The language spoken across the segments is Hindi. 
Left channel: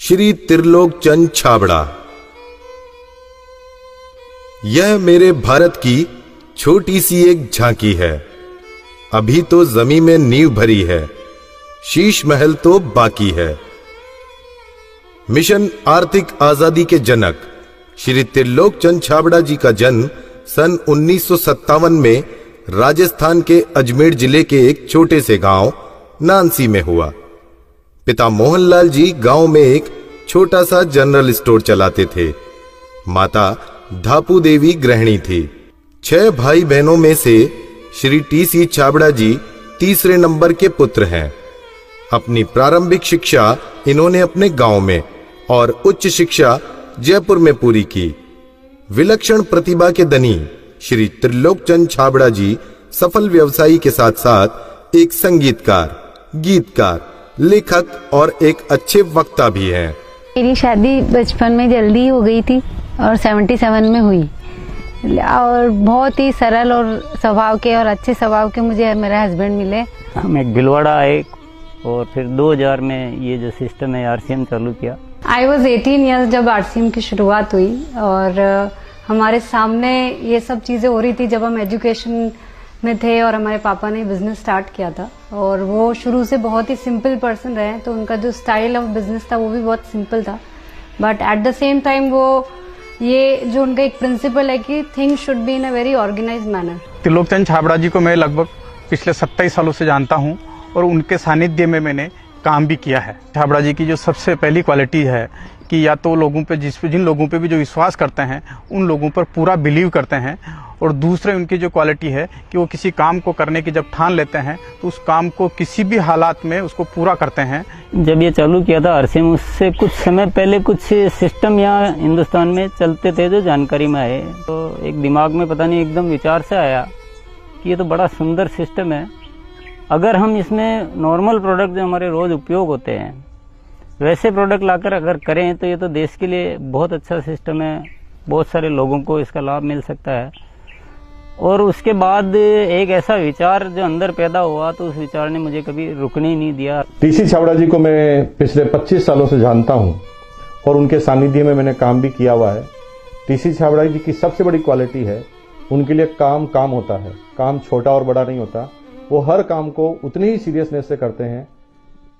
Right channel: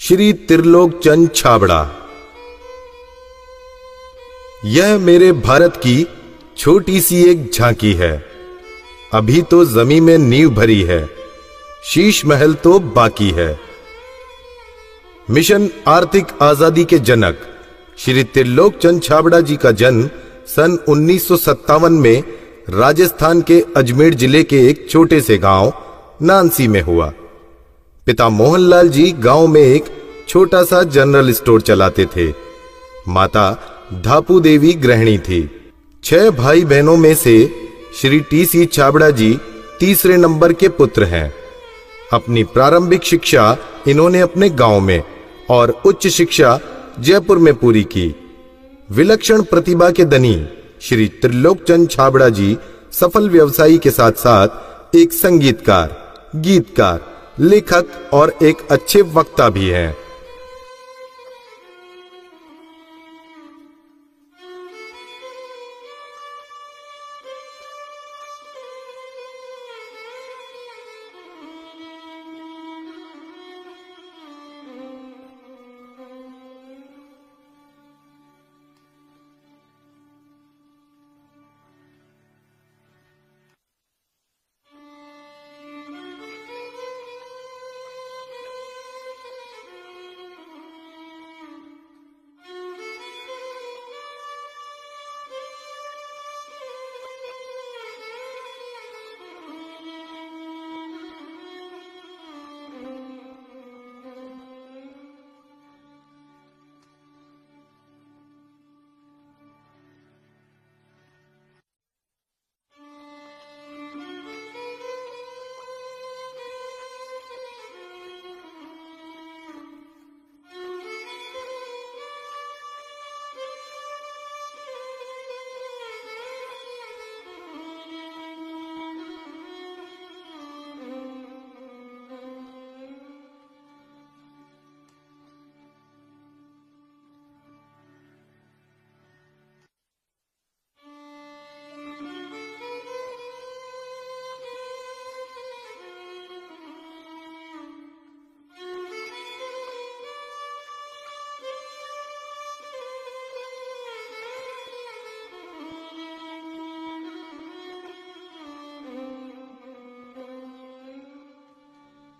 श्री त्रिलोक चंद छाबड़ा। यह मेरे भारत की छोटी सी एक झांकी है। अभी तो जमीन में नींव भरी है, शीश महल तो बाकी है। मिशन आर्थिक आजादी के जनक श्री त्रिलोक चंद छाबड़ा जी का जन्म सन 1957 में राजस्थान के अजमेर जिले के एक छोटे से गांव नानसी में हुआ। पिता मोहनलाल जी गांव में एक छोटा सा जनरल स्टोर चलाते थे। माता धापू देवी गृहिणी थी। 6 भाई बहनों में से श्री टी.सी. छाबड़ा जी तीसरे नंबर के पुत्र हैं। अपनी प्रारंभिक शिक्षा इन्होंने अपने गांव में और उच्च शिक्षा जयपुर में पूरी की। विलक्षण प्रतिभा के धनी श्री त्रिलोक चंद छाबड़ा जी सफल व्यवसायी के साथ साथ एक संगीतकार, गीतकार, लेखक और एक अच्छे वक्ता भी हैं। मेरी शादी बचपन में जल्दी हो गई थी और 77 में हुई और बहुत ही सरल और स्वभाव के और अच्छे स्वभाव के मुझे मेरे हस्बैंड मिले। हम एक भिलवाड़ा आए और फिर 2000 में ये जो सिस्टम है आरसीएम चालू किया। आई वॉज 18 ईयर्स जब आरसीएम की शुरुआत हुई और हमारे सामने ये सब चीज़ें हो रही थी जब हम एजुकेशन में थे और हमारे पापा ने बिजनेस स्टार्ट किया था और वो शुरू से बहुत ही सिंपल पर्सन रहे, तो उनका जो स्टाइल ऑफ बिजनेस था वो भी बहुत सिंपल था। But at the same time वो ये जो उनका एक प्रिंसिपल है कि things should be in a very organised manner. Trilok Chand Chhabra ji को मैं लगभग पिछले 27 सालों से जानता हूं और उनके सानिध्य में मैंने काम भी किया है। छाबड़ा जी की जो सबसे पहली क्वालिटी है कि या तो लोगों पे जिन लोगों पे भी जो विश्वास करते हैं उन लोगों पर पूरा बिलीव करते हैं, और दूसरे उनकी जो क्वालिटी है कि वो किसी काम को करने की जब ठान लेते हैं तो उस काम को किसी भी हालात में उसको पूरा करते हैं। जब ये चालू किया था आरसीएम, उससे कुछ समय पहले कुछ सिस्टम यहाँ हिंदुस्तान में चलते थे जो जानकारी में आए, तो एक दिमाग में पता नहीं एकदम विचार से आया कि ये तो बड़ा सुंदर सिस्टम है। अगर हम इसमें नॉर्मल प्रोडक्ट जो हमारे रोज़ उपयोग होते हैं वैसे प्रोडक्ट लाकर अगर करें तो ये तो देश के लिए बहुत अच्छा सिस्टम है, बहुत सारे लोगों को इसका लाभ मिल सकता है। और उसके बाद एक ऐसा विचार जो अंदर पैदा हुआ तो उस विचार ने मुझे कभी रुकने ही नहीं दिया। टी.सी. छाबड़ा जी को मैं पिछले 25 सालों से जानता हूं और उनके सानिध्य में मैंने काम भी किया हुआ है। टी.सी. छाबड़ा जी की सबसे बड़ी क्वालिटी है उनके लिए काम होता है। काम छोटा और बड़ा नहीं होता, वो हर काम को उतनी ही सीरियसनेस से करते हैं,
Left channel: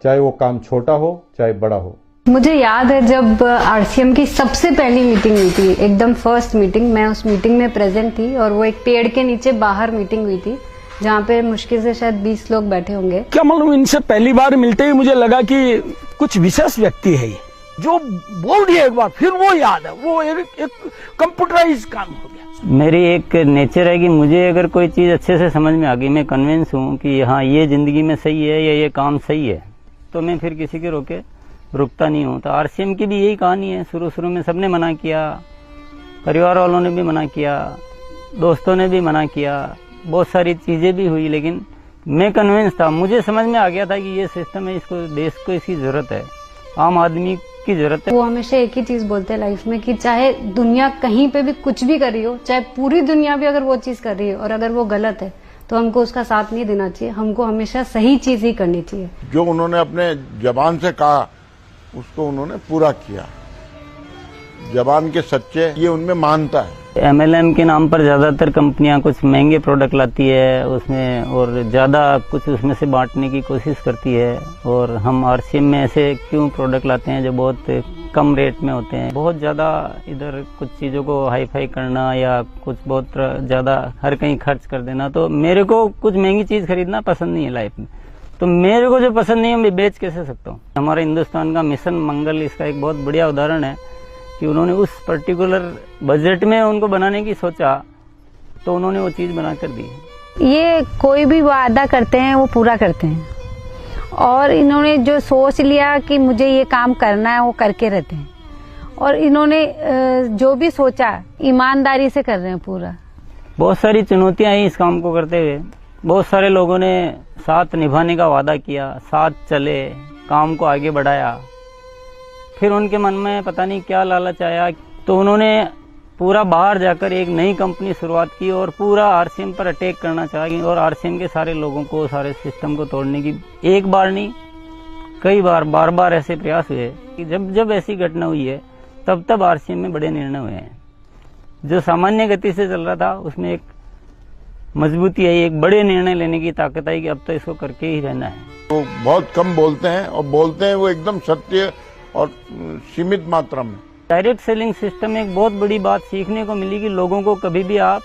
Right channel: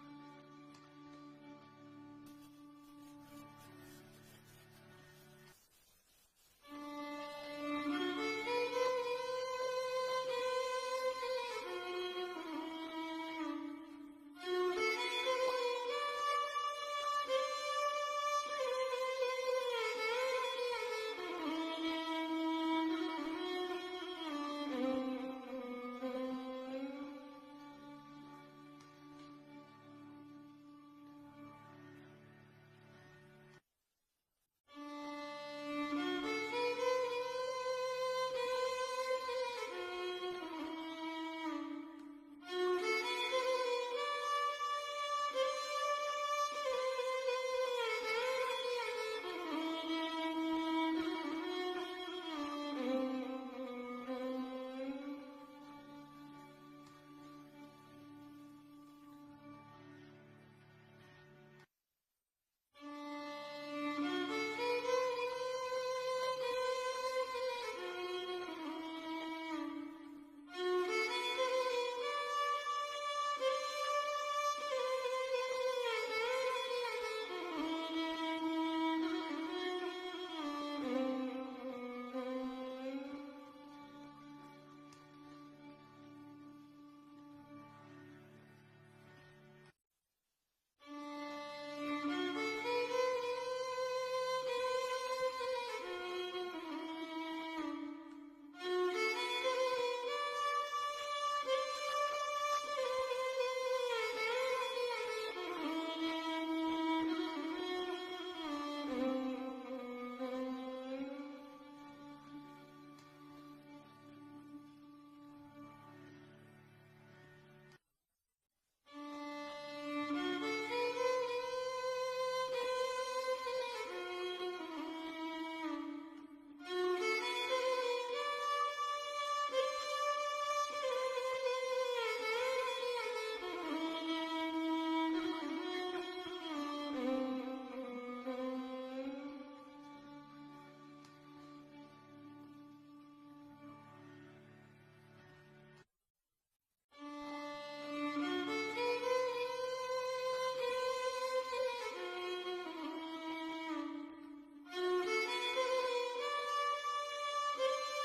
चाहे वो काम छोटा हो चाहे बड़ा हो। मुझे याद है जब आरसीएम की सबसे पहली मीटिंग हुई थी, एकदम फर्स्ट मीटिंग, मैं उस मीटिंग में प्रेजेंट थी और वो एक पेड़ के नीचे बाहर मीटिंग हुई थी जहाँ पे मुश्किल से शायद 20 लोग बैठे होंगे। क्या मालूम, इनसे पहली बार मिलते ही मुझे लगा कि कुछ विशेष व्यक्ति है जो बोल दिया एक बार फिर वो याद है, वो एक कंप्यूटराइज काम हो गया। मेरी एक नेचर है कि मुझे अगर कोई चीज़ अच्छे से समझ में आ गई, मैं कन्विंस हूँ कि हाँ ये जिंदगी में सही है या ये काम सही है, तो मैं फिर किसी के रोके रुकता नहीं हूँ। तो आरसीएम की भी यही कहानी है। शुरू में सबने मना किया, परिवार वालों ने भी मना किया, दोस्तों ने भी मना किया, बहुत सारी चीज़ें भी हुई, लेकिन मैं कन्विंस था, मुझे समझ में आ गया था कि ये सिस्टम है, इसको देश को इसकी ज़रूरत है, आम आदमी की ज़रूरत है। वो हमेशा एक ही चीज़ बोलते हैं लाइफ में कि चाहे दुनिया कहीं पे भी कुछ भी कर रही हो, चाहे पूरी दुनिया भी अगर वो चीज़ कर रही है और अगर वो गलत है तो हमको उसका साथ नहीं देना चाहिए, हमको हमेशा सही चीज़ ही करनी चाहिए। जो उन्होंने अपने जबान से कहा उसको उन्होंने पूरा किया। जबान के सच्चे ये उनमें मानता है। एमएलएम के नाम पर ज़्यादातर कंपनियां कुछ महंगे प्रोडक्ट लाती है उसमें और ज़्यादा कुछ उसमें से बांटने की कोशिश करती है, और हम आरसीएम में ऐसे क्यों प्रोडक्ट लाते हैं जो बहुत कम रेट में होते हैं। बहुत ज़्यादा इधर कुछ चीज़ों को हाई फाई करना या कुछ बहुत ज़्यादा हर कहीं खर्च कर देना, तो मेरे को कुछ महंगी चीज़ खरीदना पसंद नहीं है लाइफ में। तो मेरे को जो पसंद नहीं है मैं बेच कैसे सकता हूँ। हमारे हिंदुस्तान का मिशन मंगल इसका एक बहुत बढ़िया उदाहरण है कि उन्होंने उस पर्टिकुलर बजट में उनको बनाने की सोचा तो उन्होंने वो चीज़ बना कर दी। ये कोई भी वादा करते हैं वो पूरा करते हैं और इन्होंने जो सोच लिया कि मुझे ये काम करना है वो करके रहते हैं, और इन्होंने जो भी सोचा ईमानदारी से कर रहे हैं पूरा। बहुत सारी चुनौतियाँ आई इस काम को करते हुए। बहुत सारे लोगों ने साथ निभाने का वादा किया, साथ चले, काम को आगे बढ़ाया, फिर उनके मन में पता नहीं क्या लालच आया तो उन्होंने पूरा बाहर जाकर एक नई कंपनी शुरुआत की और पूरा आरसीएम पर अटैक करना चाहिए और आरसीएम के सारे लोगों को, सारे सिस्टम को तोड़ने की एक बार नहीं कई बार बार ऐसे प्रयास हुए कि जब ऐसी घटना हुई है तब आरसीएम में बड़े निर्णय हुए हैं। जो सामान्य गति से चल रहा था उसमें एक मजबूती आई, एक बड़े निर्णय लेने की ताकत आई कि अब तो इसको करके ही रहना है। वो बहुत कम बोलते हैं और बोलते हैं वो एकदम सत्य और सीमित मात्रा में। डायरेक्ट सेलिंग सिस्टम में एक बहुत बड़ी बात सीखने को मिली कि लोगों को कभी भी आप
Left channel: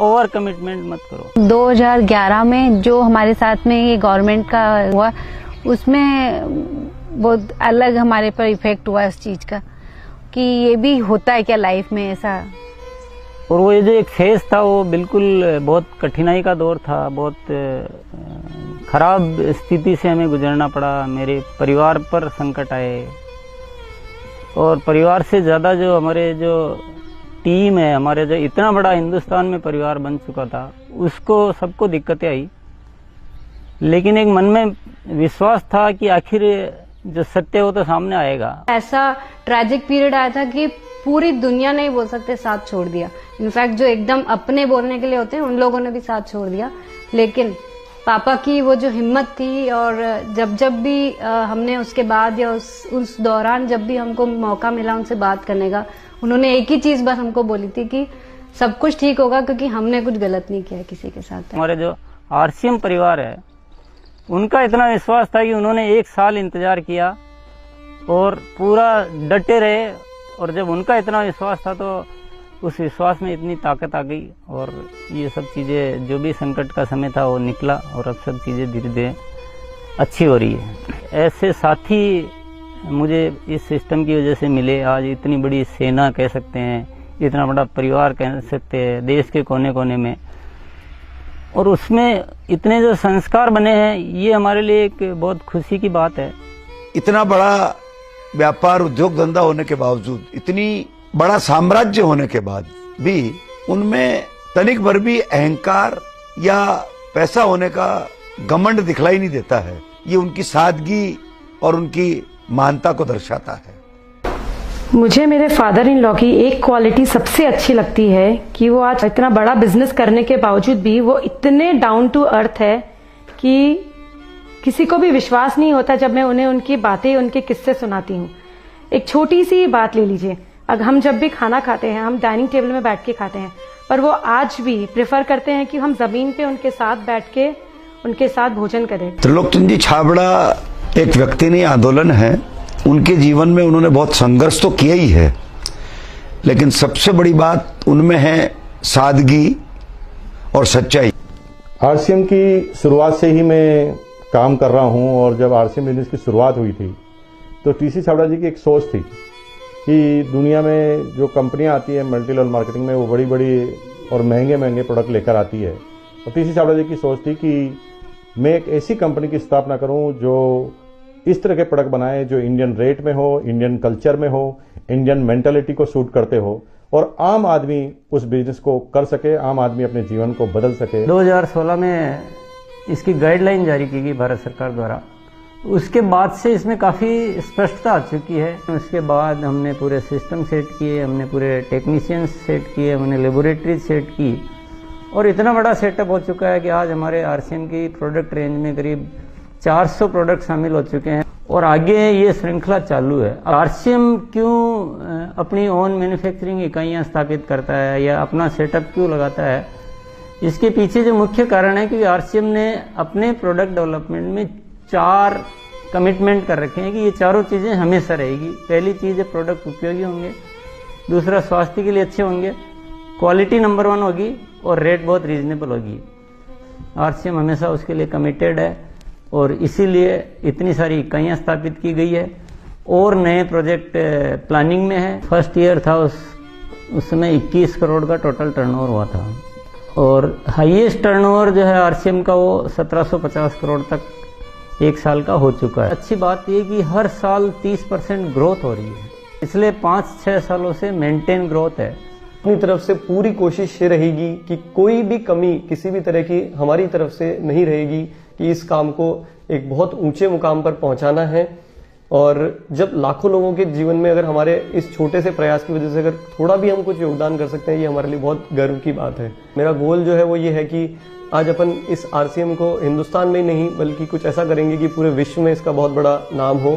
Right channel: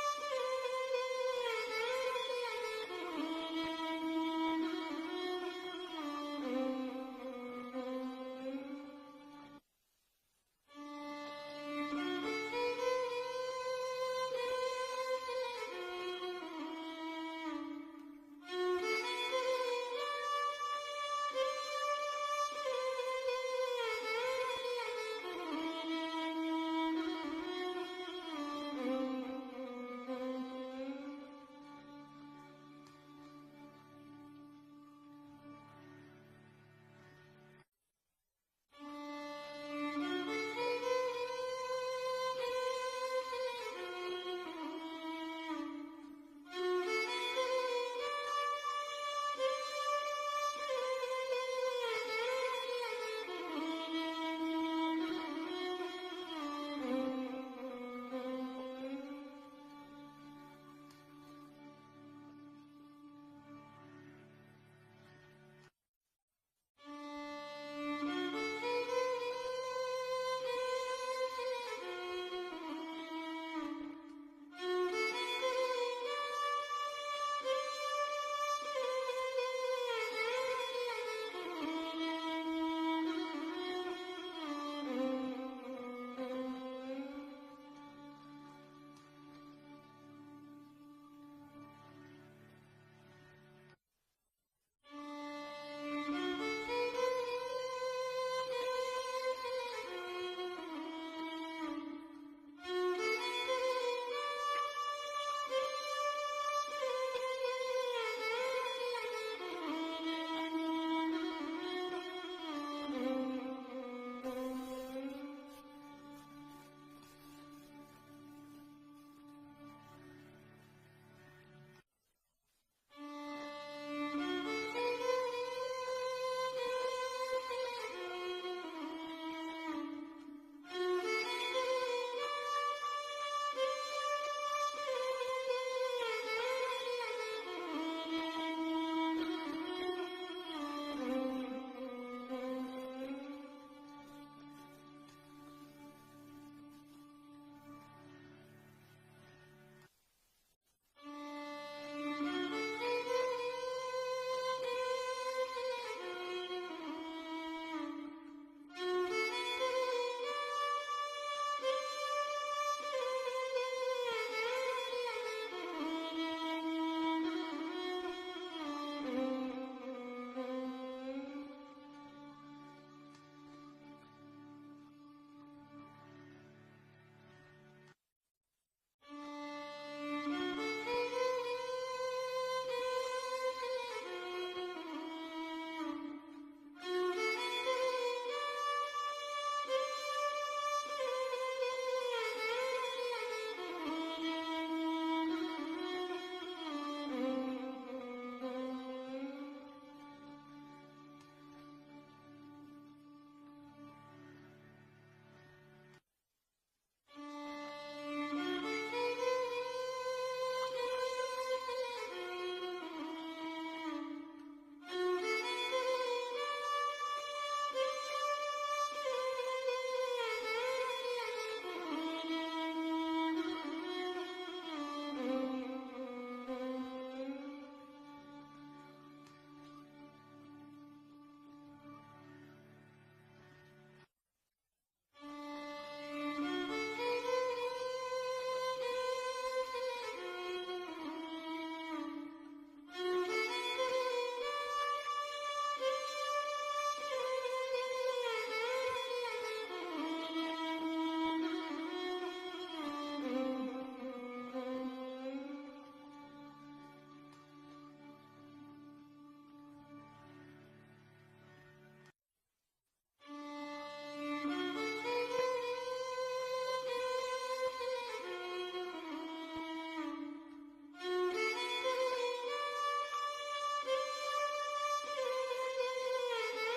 ओवर कमिटमेंट मत करो। 2011 में जो हमारे साथ में ये गवर्नमेंट का हुआ, उसमें बहुत अलग हमारे पर इफेक्ट हुआ इस चीज का कि ये भी होता है क्या लाइफ में ऐसा। और वो ये जो एक फेज था वो बिल्कुल बहुत कठिनाई का दौर था, बहुत खराब स्थिति से हमें गुजरना पड़ा। मेरे परिवार पर संकट आए और परिवार से ज़्यादा जो हमारे जो टीम है, हमारे जो इतना बड़ा हिंदुस्तान में परिवार बन चुका था, उसको सबको दिक्कतें आई। लेकिन एक मन में विश्वास था कि आखिर जो सत्य हो तो सामने आएगा। ऐसा ट्रैजिक पीरियड आया था कि पूरी दुनिया ने ही बोल सकते साथ छोड़ दिया। इनफैक्ट जो एकदम अपने बोलने के लिए होते हैं उन लोगों ने भी साथ छोड़ दिया। लेकिन पापा की वो जो हिम्मत थी, और जब भी हमने उसके बाद या उस दौरान जब भी हमको मौका मिला उनसे बात करने का, उन्होंने एक ही चीज बस हमको बोली थी कि सब कुछ ठीक होगा क्योंकि हमने कुछ गलत नहीं किया किसी के साथ। हमारे जो आरसीएम परिवार है उनका इतना विश्वास था कि उन्होंने 1 साल इंतजार किया और पूरा डटे रहे। और जब उनका इतना विश्वास था तो उस विश्वास में इतनी ताकत आ गई और ये सब चीज़ें, जो भी संकट का समय था वो निकला और अब सब चीज़ें धीरे धीरे अच्छी हो रही है। ऐसे साथी मुझे इस सिस्टम की वजह से मिले। आज इतनी बड़ी सेना कह सकते हैं, इतना बड़ा परिवार कह सकते हैं देश के कोने कोने में, और उसमें इतने जो संस्कार बने हैं, ये हमारे लिए एक बहुत खुशी की बात है। इतना बड़ा व्यापार उद्योग धंधा होने के बावजूद, इतनी बड़ा साम्राज्य होने के बाद भी उनमें तनिक भर भी अहंकार या पैसा होने का घमंड दिखलाई नहीं देता है। ये उनकी सादगी और उनकी मानता को दर्शाता है। मुझे मेरे फादर इन लॉ की एक क्वालिटी सबसे अच्छी लगती है कि वो आज इतना बड़ा बिजनेस करने के बावजूद भी वो इतने डाउन टू अर्थ है कि किसी को भी विश्वास नहीं होता जब मैं उन्हें उनकी बातें, उनके किस्से सुनाती हूँ। एक छोटी सी बात ले लीजिए, अगर हम जब भी खाना खाते हैं हम डाइनिंग टेबल में बैठ के खाते हैं, पर वो आज भी प्रेफर करते हैं कि हम जमीन पे उनके साथ बैठ के उनके साथ भोजन करें। त्रिलोकचंद जी छाबड़ा एक व्यक्ति नहीं, आंदोलन है। उनके जीवन में उन्होंने बहुत संघर्ष तो किया ही है, लेकिन सबसे बड़ी बात उनमें है सादगी और सच्चाई। आरसीएम की शुरुआत से ही मैं काम कर रहा हूं और जब आरसीएम बिजनेस की शुरुआत हुई थी तो टीसी छाबड़ा जी की एक सोच थी कि दुनिया में जो कंपनियां आती है मल्टी लेवल मार्केटिंग में, वो बड़ी बड़ी और महंगे महंगे प्रोडक्ट लेकर आती है। और टीसी छाबड़ा जी की सोच थी कि मैं एक ऐसी कंपनी की स्थापना करूं जो इस तरह के प्रोडक्ट बनाए जो इंडियन रेट में हो, इंडियन कल्चर में हो, इंडियन मेंटालिटी को सूट करते हो और आम आदमी उस बिजनेस को कर सके, आम आदमी अपने जीवन को बदल सके। 2016 में इसकी गाइडलाइन जारी की गई भारत सरकार द्वारा। उसके बाद से इसमें काफ़ी स्पष्टता आ चुकी है। उसके बाद हमने पूरे सिस्टम सेट किए, हमने पूरे टेक्नीशियंस सेट किए, हमने लेबोरेटरी सेट की और इतना बड़ा सेटअप हो चुका है कि आज हमारे आरसीएम की प्रोडक्ट रेंज में करीब 400 प्रोडक्ट शामिल हो चुके हैं और आगे ये श्रृंखला चालू है। आरसीएम क्यों अपनी ओन मैन्युफैक्चरिंग इकाइयाँ स्थापित करता है या अपना सेटअप क्यों लगाता है, इसके पीछे जो मुख्य कारण है कि आरसीएम ने अपने प्रोडक्ट डेवलपमेंट में 4 कमिटमेंट कर रखे हैं कि ये चारों चीज़ें हमेशा रहेगी। पहली चीज़ है प्रोडक्ट उपयोगी होंगे, दूसरा स्वास्थ्य के लिए अच्छे होंगे, क्वालिटी नंबर 1 होगी और रेट बहुत रीजनेबल होगी। आरसीएम हमेशा उसके लिए कमिटेड है और इसीलिए इतनी सारी इकाइयाँ स्थापित की गई है और नए प्रोजेक्ट प्लानिंग में है। फर्स्ट ईयर था उस समय 21 करोड़ का टोटल टर्नओवर हुआ था और हाईएस्ट टर्नओवर जो है आरसीएम का वो 1750 करोड़ तक एक साल का हो चुका है। अच्छी बात ये कि हर साल 30% ग्रोथ हो रही है, इसलिए 5-6 सालों से मेंटेन ग्रोथ है। अपनी तरफ से पूरी कोशिश ये रहेगी कि कोई भी कमी किसी भी तरह की हमारी तरफ से नहीं रहेगी कि इस काम को एक बहुत ऊंचे मुकाम पर पहुंचाना है और जब लाखों लोगों के जीवन में अगर हमारे इस छोटे से प्रयास की वजह से अगर थोड़ा भी हम कुछ योगदान कर सकते हैं, ये हमारे लिए बहुत गर्व की बात है। मेरा गोल जो है वो ये है कि आज अपन इस RCM को हिंदुस्तान में ही नहीं बल्कि कुछ ऐसा करेंगे कि पूरे विश्व में इसका बहुत बड़ा नाम हो।